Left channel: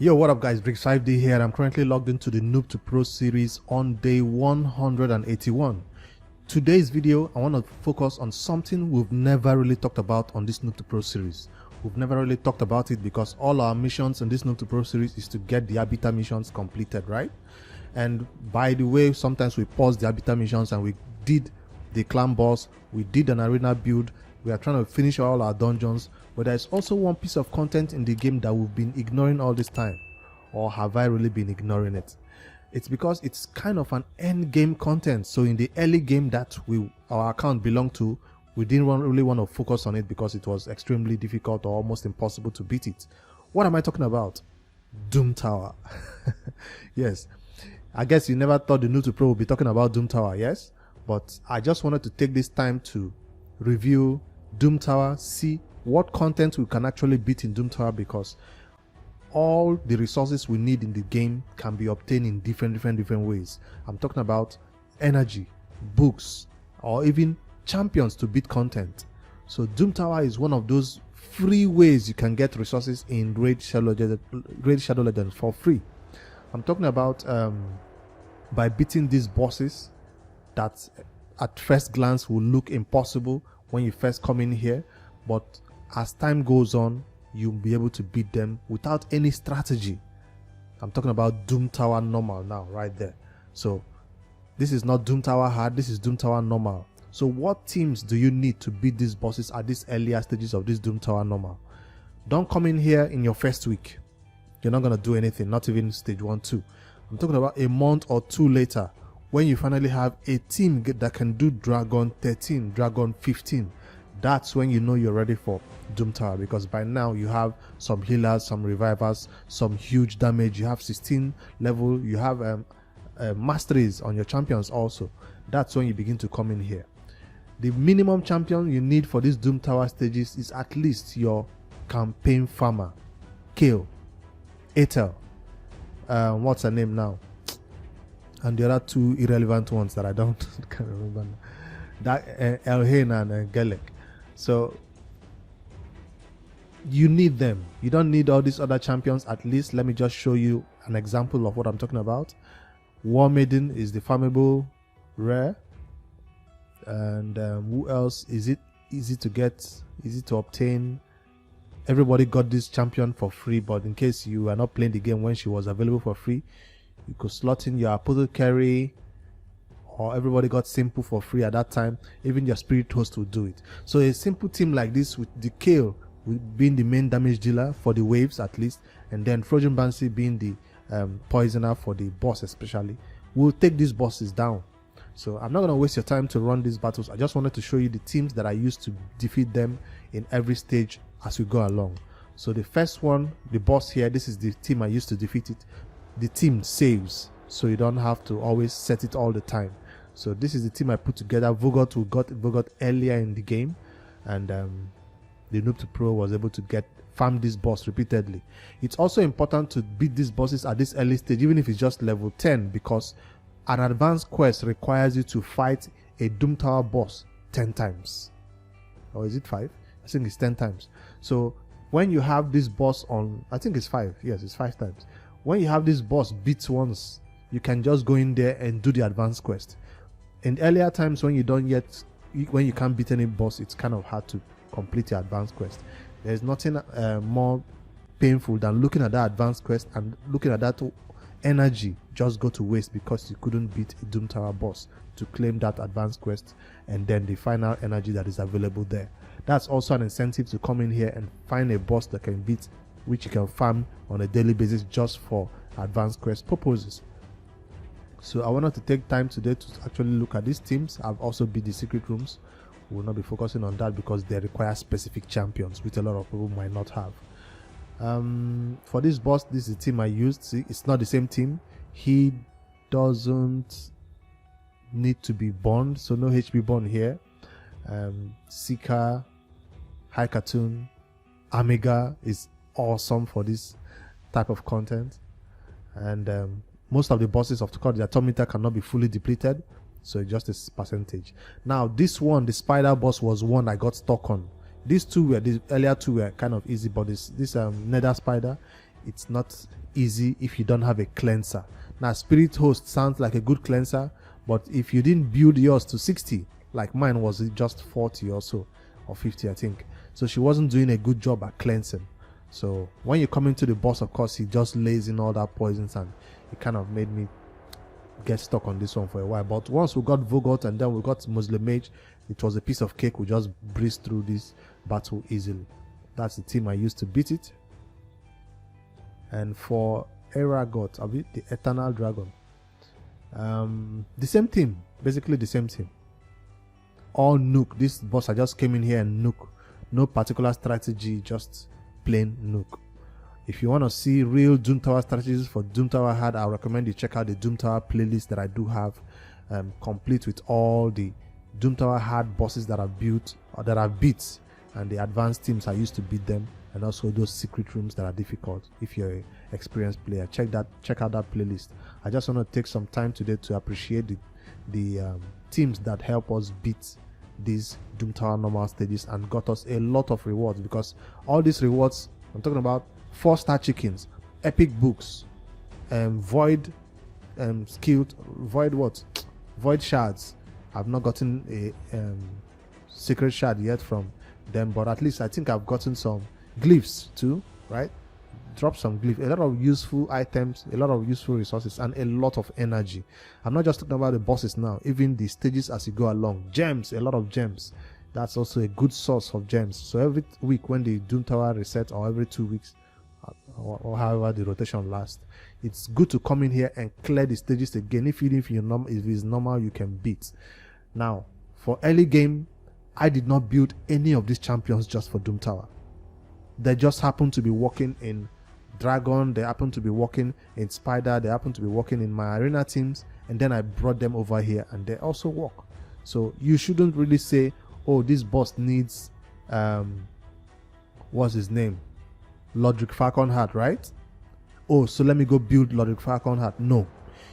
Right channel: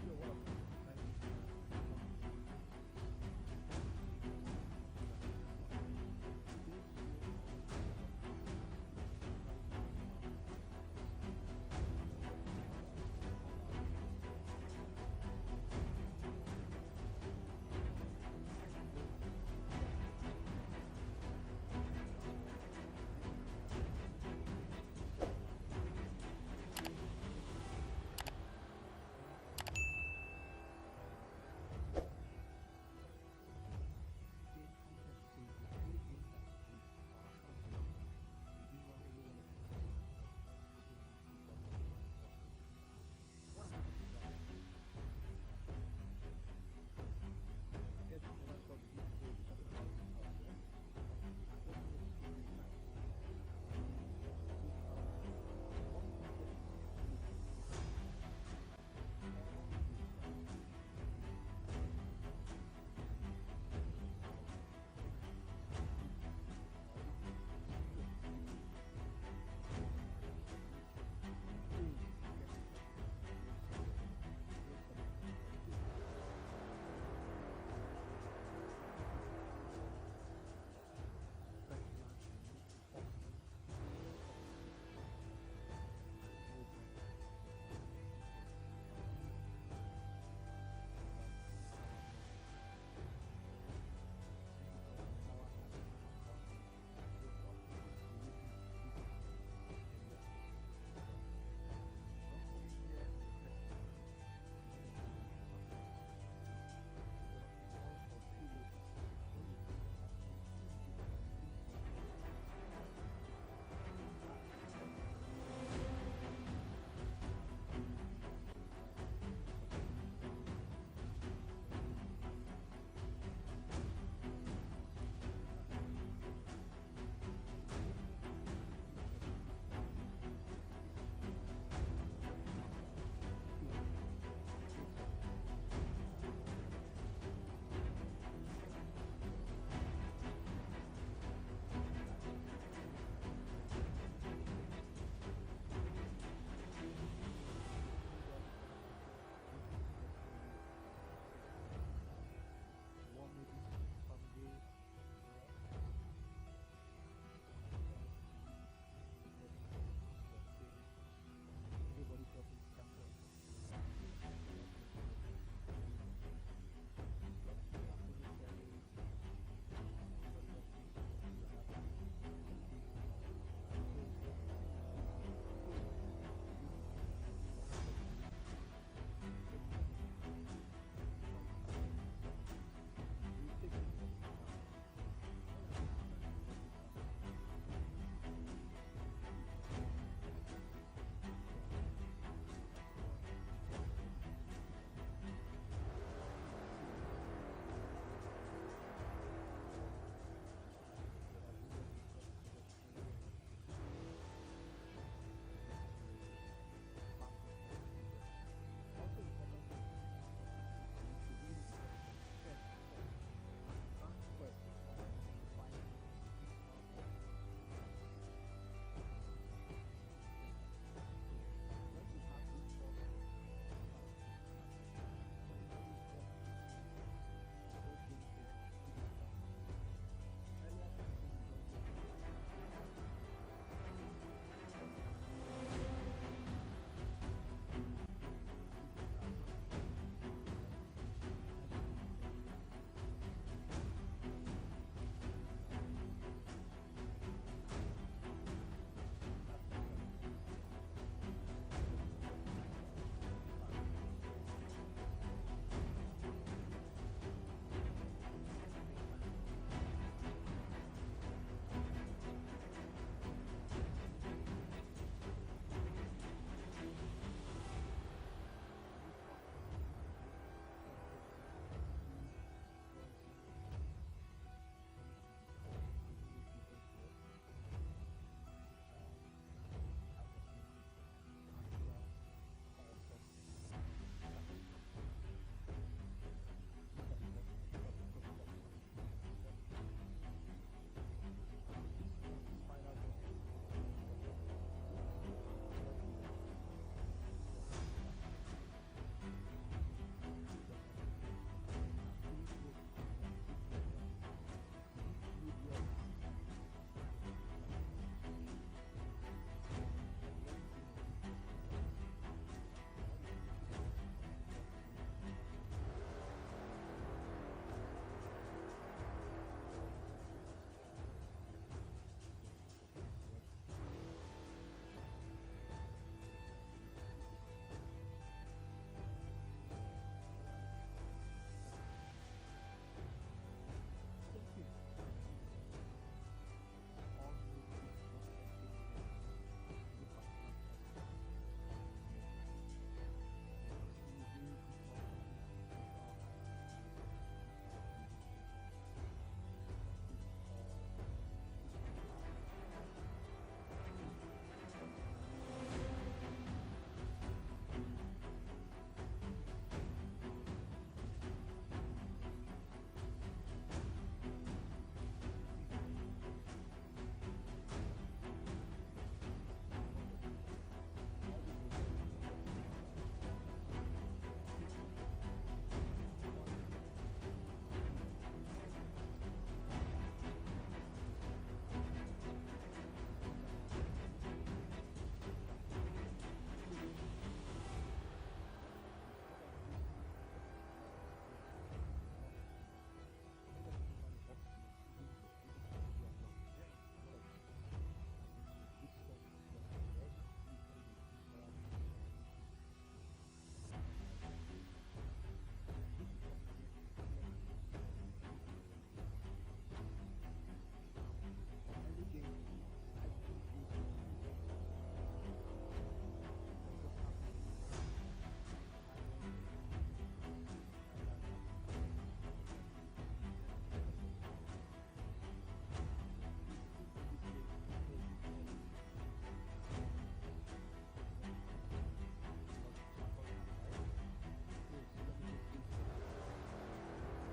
Yo, what up guys, Bricks 5D here. I'm currently logged into the Noob2Pro series on day 181. Today's video, I want to focus on something we've never really talked about on this Noob2Pro series. We've never really talked about it because all our missions in this Noob2Pro series is to get the Arbiter missions completed, right? And by the way, sometimes we pause the Arbiter missions and we did the clan boss, we did an arena build, we are trying to finish all our dungeons, but there's also one piece of content in the game that we've been ignoring all this time. Or have I really been ignoring it? It's because it's kind of an end game content. So in the early game that our account belonged to, we didn't really want to focus on it because it was extremely difficult or almost impossible to beat it. What am I talking about? Doom Tower. Yes, I guess you never thought the Noob2Pro would be talking about Doom Tower, yes? But I just wanted to take this time to review Doom Tower, see what content we can actually beat in Doom Tower, because all the resources we need in the game can be obtained in different ways. I'm talking about energy, books, or even champions to beat content. So Doom Tower is one of those free ways you can get resources in Great Shadow Legends for free. I'm talking about by beating these bosses that at first glance will look impossible when you first come in here, but as time goes on, you'll be able to beat them without any strategy. I'm talking about Doom Tower normal now, right there. So this is not Doom Tower hard, this is Doom Tower normal. So what teams do you need to beat these bosses at these earlier stages of this Doom Tower normal? Don't come in here in your first week. You're not going to do anything, not even stage 1, 2. I'm talking about a month or two later, when you finally have a team that can do Dragon 13, Dragon 15. That's when you know you're ready for Doom Tower, because by now you have some healers, some revivers, some huge damage, you have 16 level, you have masteries on your champions also. That's when you begin to come in here. The minimum champion you need for these Doom Tower stages is at least your campaign farmer, Kale, Ethel, what's her name now? And the other two irrelevant ones that I can't remember. That Elhain and Gelek. So you need them. You don't need all these other champions. At least let me just show you an example of what I'm talking about. War Maiden is the farmable rare. And who else is it easy to get, easy to obtain? Everybody got this champion for free, but in case you are not playing the game when she was available for free, you could slot in your apothecary, or everybody got simple for free at that time. Even your spirit host will do it. So a simple team like this with the Kale being the main damage dealer for the waves at least, and then Frozen Banshee being the poisoner for the boss especially, will take these bosses down. So I'm not going to waste your time to run these battles. I just wanted to show you the teams that I used to defeat them in every stage as we go along. So the first one, the boss here, this is the team I used to defeat it. The team saves, so you don't have to always set it all the time. So this is the team I put together. Vogot, we got Vogot earlier in the game, and the Noob2Pro was able to farm this boss repeatedly. It's also important to beat these bosses at this early stage, even if it's just level 10, because an advanced quest requires you to fight a Doom Tower boss 10 times. Or is it 5? I think it's 10 times. So when you have this boss on, I think it's 5. Yes, it's 5 times. When you have this boss beat once, you can just go in there and do the advanced quest. In earlier times when you can't beat any boss, it's kind of hard to complete your advanced quest. There's nothing more painful than looking at that advanced quest and looking at that energy just go to waste because you couldn't beat a Doom Tower boss to claim that advanced quest and then the final energy that is available there. That's also an incentive to come in here and find a boss that can beat, which you can farm on a daily basis just for advanced quest purposes. So I wanted to take time today to actually look at these teams. I've also beat the secret rooms. We will not be focusing on that because they require specific champions, which a lot of people might not have. For this boss, this is the team I used. See, it's not the same team. He doesn't need to be bond, so no HP bond here. Seeker, High Cartoon, Amiga is awesome for this type of content, and most of the bosses of the Demytha cannot be fully depleted, so just a percentage. Now this one, the spider boss, was one I got stuck on. These two were, the earlier two were kind of easy, but this nether spider it's not easy if you don't have a cleanser. Now Spirit Host sounds like a good cleanser, but if you didn't build yours to 60, like mine was just 40 or so, or 50 I think, so she wasn't doing a good job at cleansing. So when you come into the boss, of course, he just lays in all that poisons, and it kind of made me get stuck on this one for a while. But once we got Vogot and then we got Muslim Mage, it was a piece of cake. We just breezed through this battle easily. That's the team I used to beat it. And for Eragot, the Eternal Dragon, the same team, basically the same team. All nuke. This boss, I just came in here and nuke. No particular strategy, just plain nuke. If you want to see real Doom Tower strategies for Doom Tower Hard, I recommend you check out the Doom Tower playlist that I do have, complete with all the Doom Tower Hard bosses that I've built or that I've beat, and the advanced teams I used to beat them, and also those secret rooms that are difficult. If you're an experienced player, check out that playlist. I just want to take some time today to appreciate the teams that help us beat these Doom Tower normal stages and got us a lot of rewards, because all these rewards, I'm talking about 4-star chickens, epic books, void skilled, void shards. I've not gotten a secret shard yet from them, but at least I think I've gotten some glyphs too, right? Drop some glyphs, a lot of useful items, a lot of useful resources, and a lot of energy. I'm not just talking about the bosses now, even the stages as you go along. Gems, a lot of gems. That's also a good source of gems. So every week when the Doom Tower reset, or every 2 weeks, or however the rotation lasts, it's good to come in here and clear the stages again. If it's normal, you can beat. Now, for early game, I did not build any of these champions just for Doom Tower. They just happen to be working in Dragon, they happen to be working in Spider, they happen to be working in my arena teams, and then I brought them over here and they also work. So you shouldn't really say, oh, this boss needs what's his name, Lodric Falconheart, right? Oh, so let me go build Lodric Falconheart. No,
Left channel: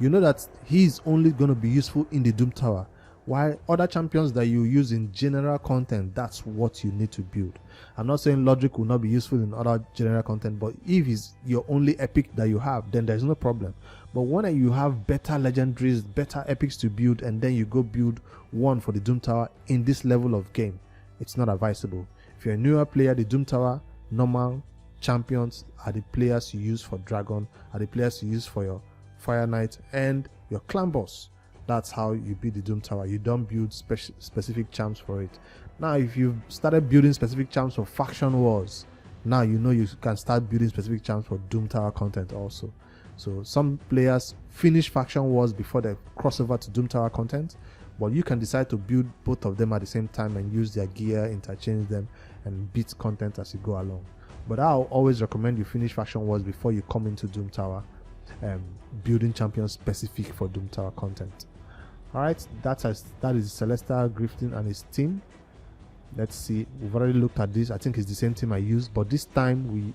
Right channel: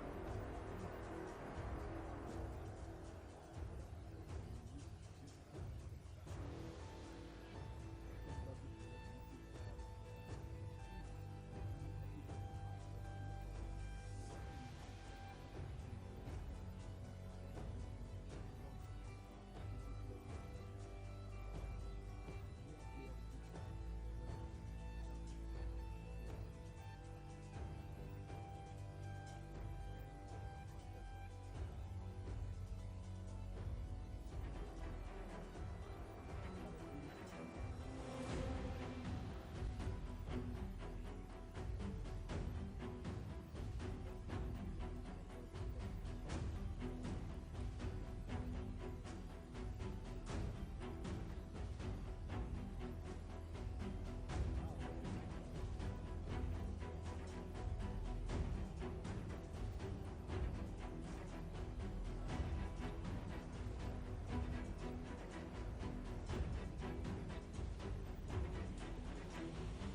you know that he's only going to be useful in the Doom Tower, while other champions that you use in general content, that's what you need to build. I'm not saying Lodric will not be useful in other general content, but if he's your only epic that you have, then there's no problem. But when you have better legendaries, better epics to build, and then you go build one for the Doom Tower in this level of game, it's not advisable. If you're a newer player, the Doom Tower normal champions are the players you use for Dragon, are the players you use for your Fire Knight and your clan boss. That's how you build the Doom Tower. You don't build specific champs for it. Now, if you've started building specific champs for Faction Wars, now you know you can start building specific champs for Doom Tower content also. So some players finish Faction Wars before they cross over to Doom Tower content, but you can decide to build both of them at the same time and use their gear, interchange them, and beat content as you go along. But I'll always recommend you finish Faction Wars before you come into Doom Tower, building champions specific for Doom Tower content. Alright, that is Celestial Grifting and his team. Let's see, we've already looked at this. I think it's the same team I used, but this time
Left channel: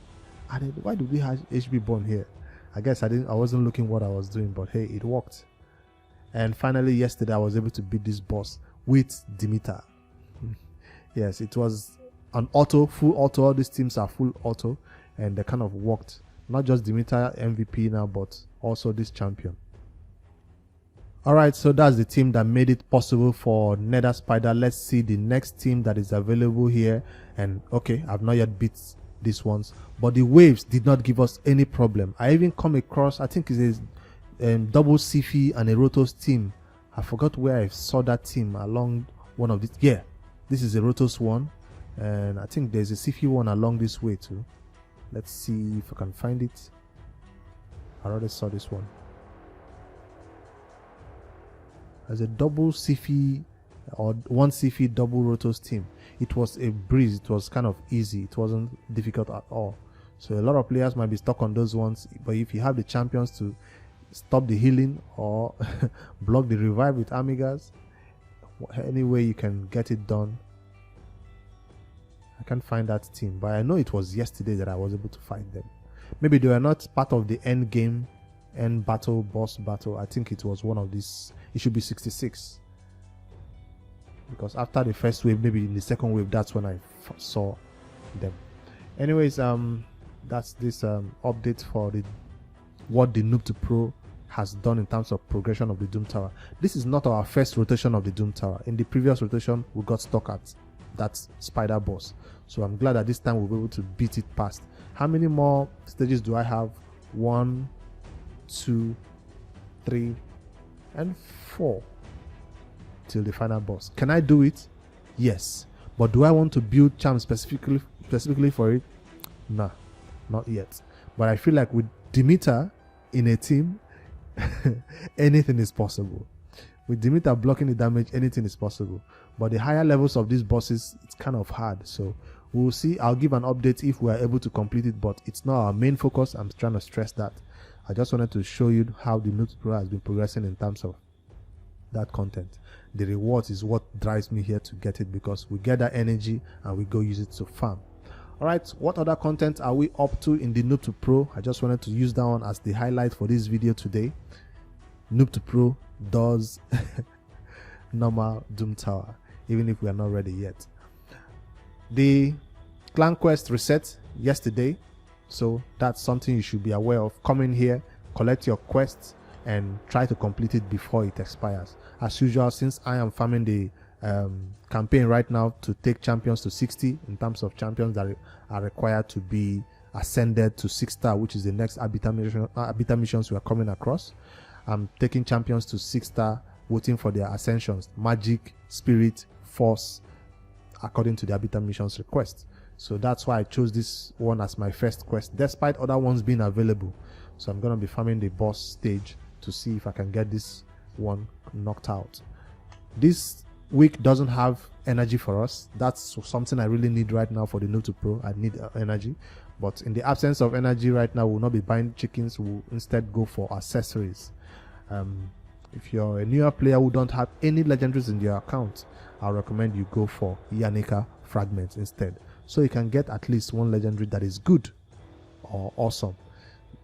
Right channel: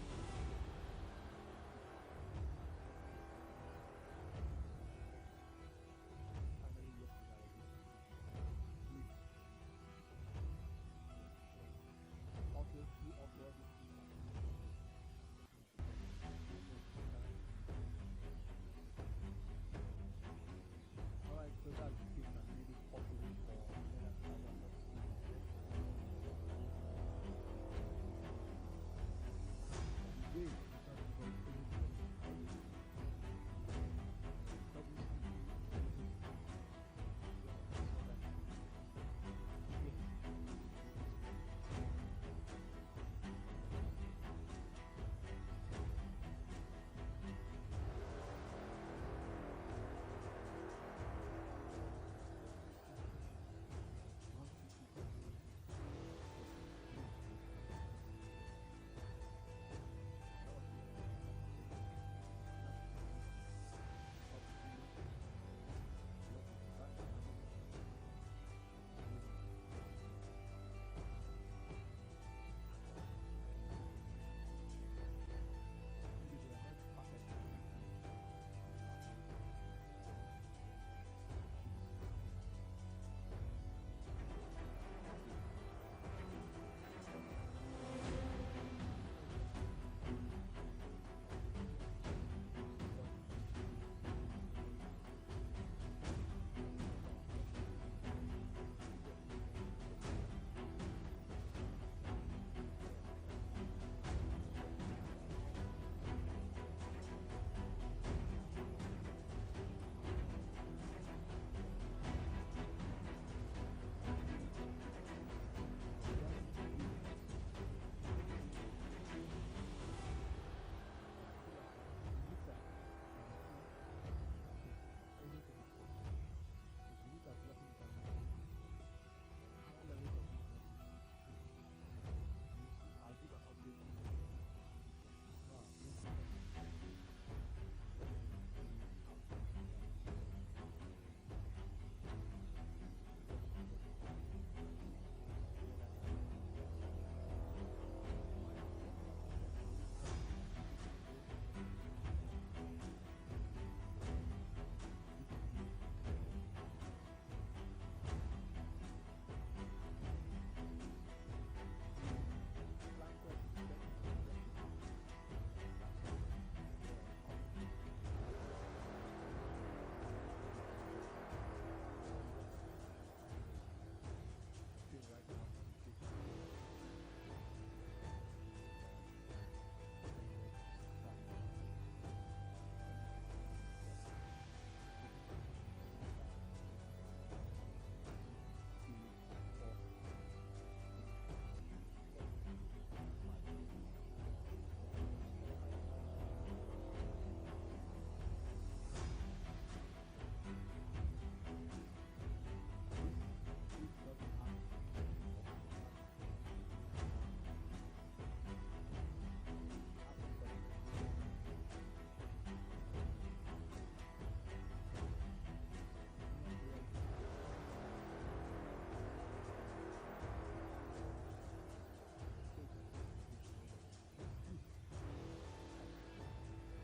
why did we have HB Born here? I guess I wasn't looking what I was doing, but hey, it worked. And finally yesterday I was able to beat this boss with Demytha. Yes, it was an auto, full auto. All these teams are full auto, and they kind of worked. Not just Demytha MVP now, but also this champion. Alright, so that's the team that made it possible for Nether Spider. Let's see the next team that is available here. And okay, I've not yet beat these ones, but the waves did not give us any problem. I even come across, I think it's a double Sifi and a Rotos team. I forgot where I saw that team along one of these. Yeah, this is a Rotos one, and I think there's a Sifi one along this way too. Let's see if I can find it. I already saw this one. As a double Sifi or one Sifi double Rotos team, it was a breeze. It was kind of easy. It wasn't difficult at all. So a lot of players might be stuck on those ones, but if you have the champions to stop the healing or block the revive with Amigas, any way you can get it done. I can't find that team, but I know it was yesterday that I was able to find them. Maybe they were not part of the end game, end battle, boss battle. I think it was one of these. It should be 66, because after the first wave, maybe in the second wave, that's when I saw them. Anyways, that's this update for what the Noob2Pro has done in terms of progression of the Doom Tower. This is not our first rotation of the Doom Tower. In the previous rotation, we got stuck at that spider boss. So I'm glad that this time we'll be able to beat it past. How many more stages do I have? 1, 2, 3, and 4 till the final boss. Can I do it? Yes. But do I want to build charm specifically for it? Nah, not yet. But I feel like with Demytha in a team, anything is possible. With Demytha blocking the damage, anything is possible. But the higher levels of these bosses, it's kind of hard. So we'll see. I'll give an update if we are able to complete it, but it's not our main focus. I'm trying to stress that. I just wanted to show you how the Noob2Pro has been progressing in terms of that content. The rewards is what drives me here to get it, because we get that energy and we go use it to farm. Alright, what other content are we up to in the Noob2Pro? I just wanted to use that one as the highlight for this video today. Noob2Pro does normal Doom Tower, even if we are not ready yet. The clan quest reset yesterday, so that's something you should be aware of. Come in here, collect your quests, and try to complete it before it expires. As usual, since I am farming the campaign right now to take champions to 60 in terms of champions that are required to be ascended to 6-star, which is the next Arbiter missions we are coming across. I'm taking champions to 6-star, waiting for their ascensions, magic, spirit, force, according to the Arbiter missions request. So that's why I chose this one as my first quest, despite other ones being available. So I'm going to be farming the boss stage to see if I can get this one knocked out. This week doesn't have energy for us. That's something I really need right now for the Noob2Pro. I need energy, but in the absence of energy right now, we'll not be buying chickens. We'll instead go for accessories. If you're a newer player who don't have any legendaries in your account, I'll recommend you go for Yanika fragments instead, so you can get at least one legendary that is good or awesome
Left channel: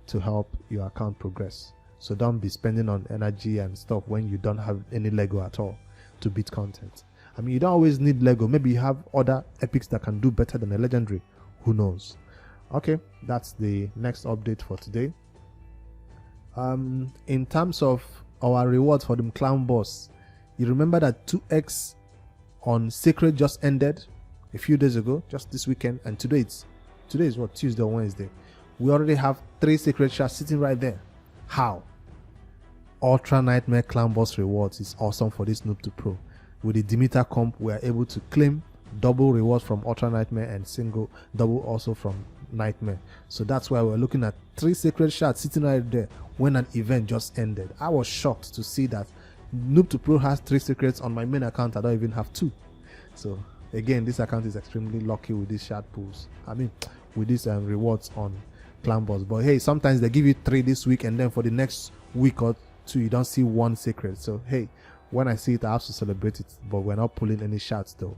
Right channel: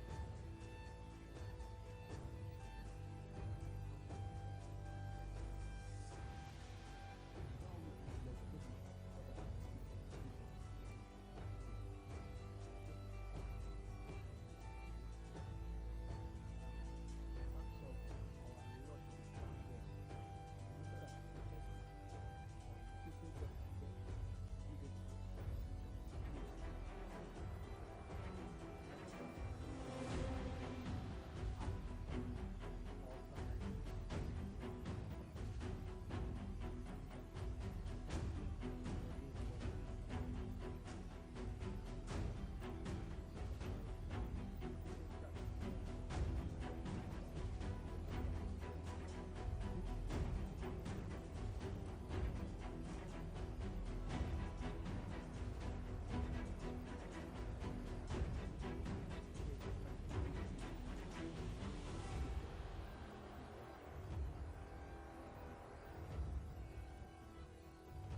to help your account progress. So don't be spending on energy and stuff when you don't have any Lego at all to beat content. I mean, you don't always need Lego. Maybe you have other epics that can do better than a legendary. Who knows? Okay, that's the next update for today. In terms of our rewards for the clown boss, you remember that 2x on Sacred just ended a few days ago, just this weekend, and today is what, Tuesday or Wednesday. We already have 3 Sacred shards sitting right there. How? Ultra Nightmare Clown Boss rewards is awesome for this Noob2Pro. With the Demytha comp, we are able to claim double rewards from Ultra Nightmare and double also from Nightmare. So that's why we're looking at 3 Sacred shards sitting right there when an event just ended. I was shocked to see that Noob2Pro has 3 secrets. On my main account I don't even have 2. So again, this account is extremely lucky with these shard pools. I mean, with these rewards on clan boss. But hey, sometimes they give you 3 this week, and then for the next week or 2 you don't see 1 secret. So hey, when I see it, I have to celebrate it. But we're not pulling any shards though.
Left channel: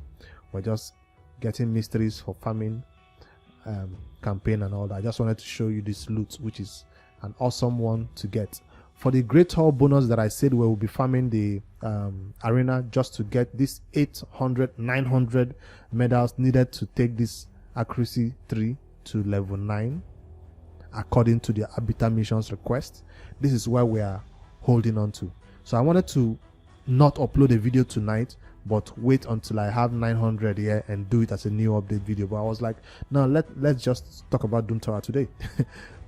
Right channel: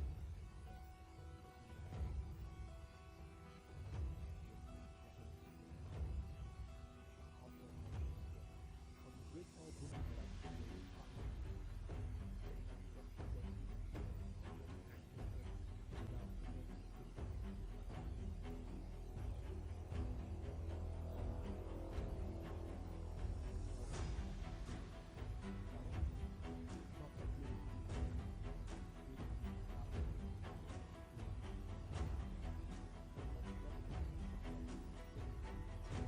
We're just getting mysteries for farming campaign and all that. I just wanted to show you this loot, which is an awesome one to get. For the Great Hall bonus that I said, we will be farming the arena just to get this 800, 900 medals needed to take this accuracy 3 to level 9 according to the Arbiter missions request. This is where we are holding on to. So I wanted to not upload a video tonight, but wait until I have 900 here and do it as a new update video. But I was like, no, let's just talk about Doom Tower today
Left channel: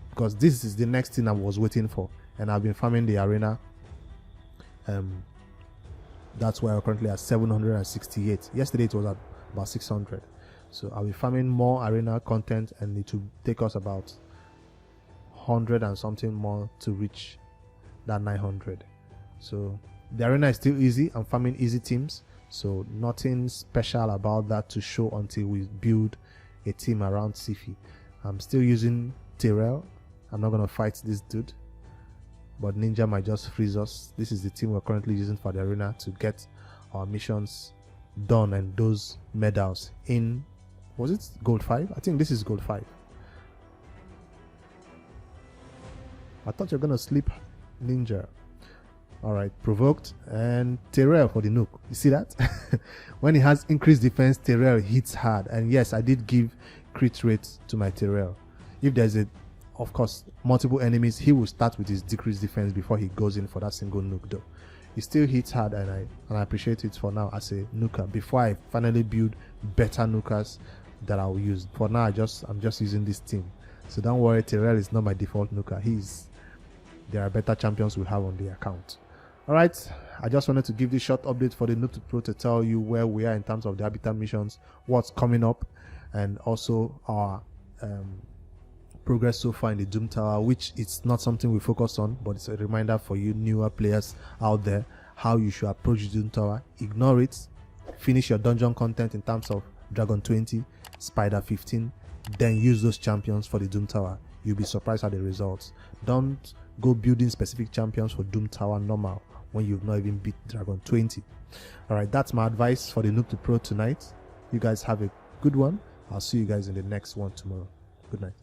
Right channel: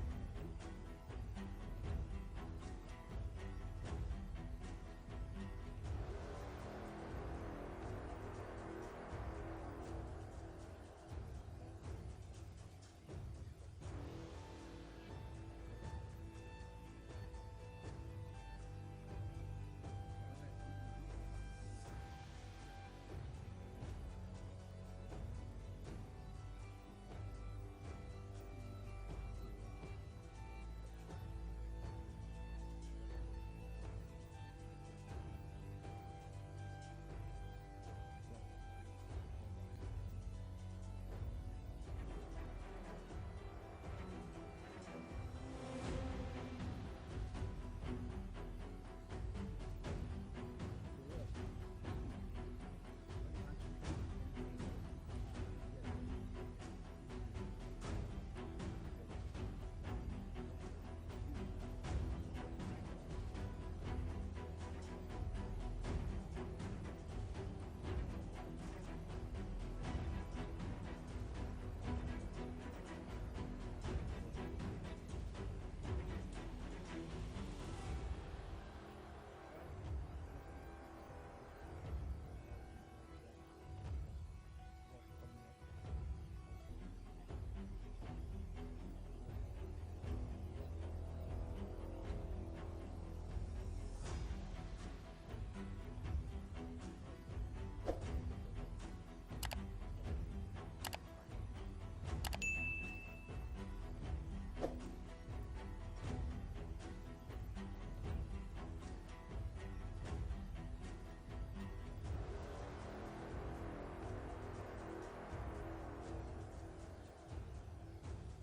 because this is the next thing I was waiting for. And I've been farming the arena. That's why we're currently at 768. Yesterday it was at about 600. So I'll be farming more arena content, and it will take us about 100 and something more to reach that 900. So the arena is still easy. I'm farming easy teams, so nothing special about that to show until we build a team around Sifi. I'm still using Tyrell. I'm not gonna fight this dude, but Ninja might just freeze us. This is the team we're currently using for the arena to get our missions done and those medals in, was it gold 5? I think this is gold 5. I thought you're gonna sleep, Ninja. Alright, provoked, and Tyrell for the nuke. You see that? When he has increased defense, Tyrell hits hard. And yes, I did give crit rate to my Tyrell. if there's a, of course, multiple enemies, he will start with his decreased defense before he goes in for that single nuke though. He still hits hard, and I appreciate it for now as a nuker before I finally build better nukers that I'll use. For now I'm just using this team, so don't worry, Terrell is not my default nuker. There are better champions we have on the account. Alright, I just wanted to give this short update for the Noob2Pro to tell you where we are in terms of the Arbiter missions, what's coming up, and also our progress so far in the Doom Tower, which it's not something we focus on, but it's a reminder for you newer players out there how you should approach the Doom Tower. Ignore it, finish your dungeon content in terms of Dragon 20, Spider 15, then use those champions for the Doom Tower. You'll be surprised at the results. Don't go building specific champions for Doom Tower normal when you've not even beat Dragon 20. Alright, that's my advice for the Noob2Pro tonight. You guys have a good one. I'll see you guys in the next one tomorrow. Good night.